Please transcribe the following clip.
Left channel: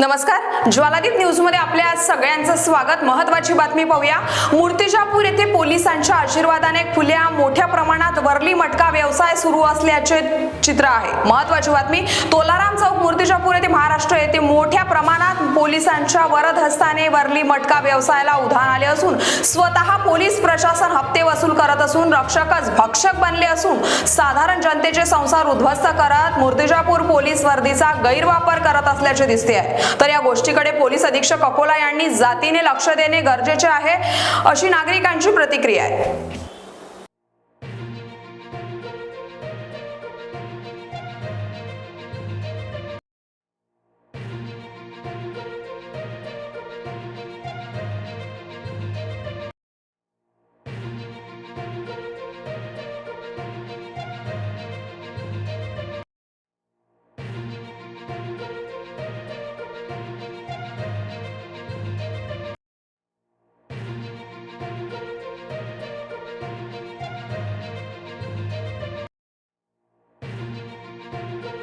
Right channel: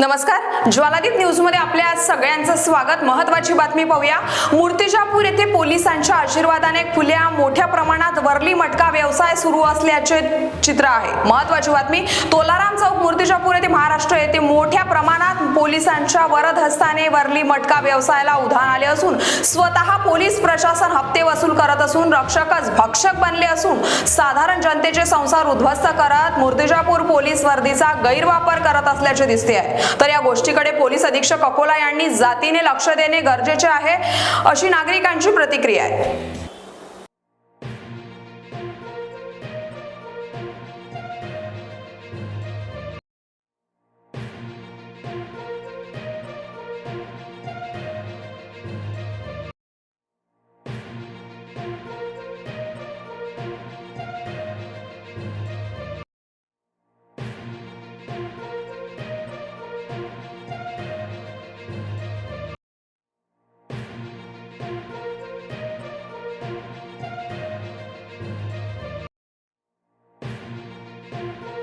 नमस्कार. ज्वालादीप न्यूजमध्ये आपल्या सगळ्यांचं स्वागत. महत्वाची बातमी पाहूया. मूर्तिजापूर येथे पोलिसांच्या आशीर्वादाने खुल्या मोठ्या प्रमाणात वरली मटका व्यवसाय सुरू असल्याचे चित्र आहे. महत्वाची बातमी तोलाराम चौक मूर्तिजापूर येथे महाराष्ट्र येथे मोठ्या प्रमाणात पोलिसांच्या वरद हस्ताने वरली मटका व्यवसायाला उधाण आले असून स्वतः पोलीस प्रशासन हप्ते वसूल करत असून रक्षकच भक्षक बनले असून साधारण जनतेचे संसार उद्ध्वस्त करत मूर्तिजापूर पोलीस वर्दीचा गैरवापर करत असल्याचे दिसते आहे. तर या गोष्टीकडे पोलीस अधीक्षक अकोला यांनी जातीने लक्ष देणे गरजेचे आहे अशी नागरिकांची प्रतिक्रिया आहे. Thank you.